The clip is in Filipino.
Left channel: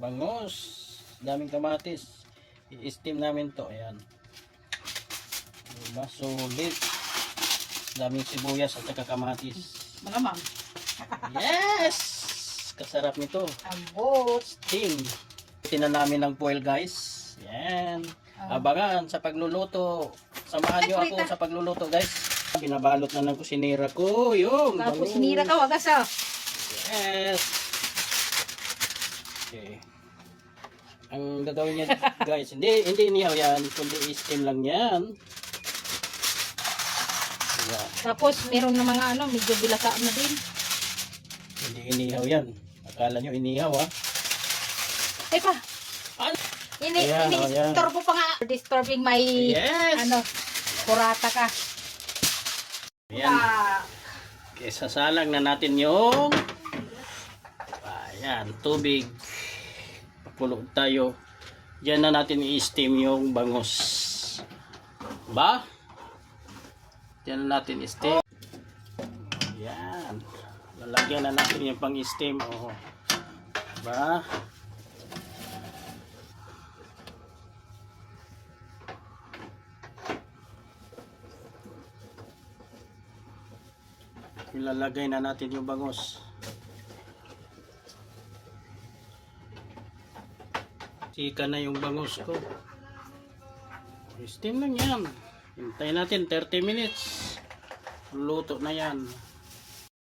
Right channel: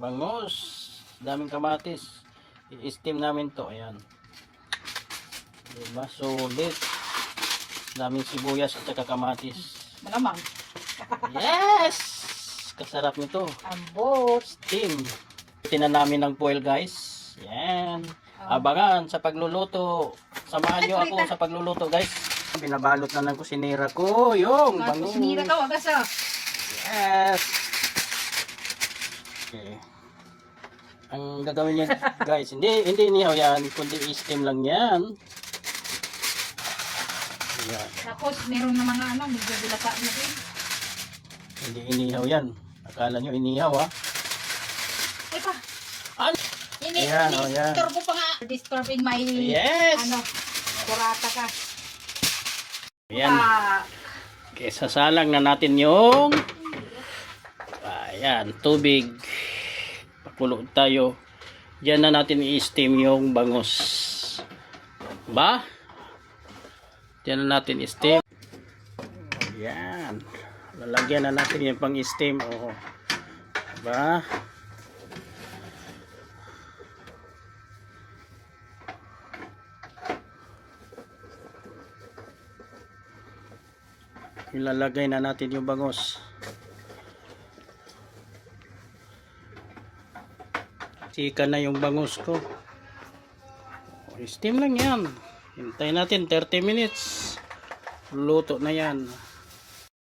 Bangus. Daming kamatis. I-steam namin to. Ayan. Diba? Sulit. Daming sibuyas at saka kamatis. Malamang. Yes! Kasarap nito. Ambot. Steam. Tinan namin ng foil guys. Yan. Abangan sa pagluluto. Samahan nyo ako sa pagluluto guys. Binabalot na ng kusinira ko. Yung bangus. Kusinira ka, wagas ah. Yes. Okay. Ang gagawin niya guys, hindi inihaw yan, kundi i-steam lang yan. Ayan. Tapos meron na mga ano, medyo bilasa na din. Hindi inihaw yan. Akala nyo inihaw ha? Teka. Ano? Ayan, oh, yan. Disturb ko pa nga. Disturbing my Yes! ano, kurata ka. Ayan. Okay, sasalang na natin yung ayan, tubig. Pakulo tayo. Diyan na natin i-steam yung bangus. Ba? Diyan na natin i-steam. Ayan. Lalagyan na natin yung pang-steam. Oh. Ba? Ilalagay na natin yung bangus. Sika na yung bangus ko. Steam lang yan. Hintayin natin 30 minutes. Luto na yan.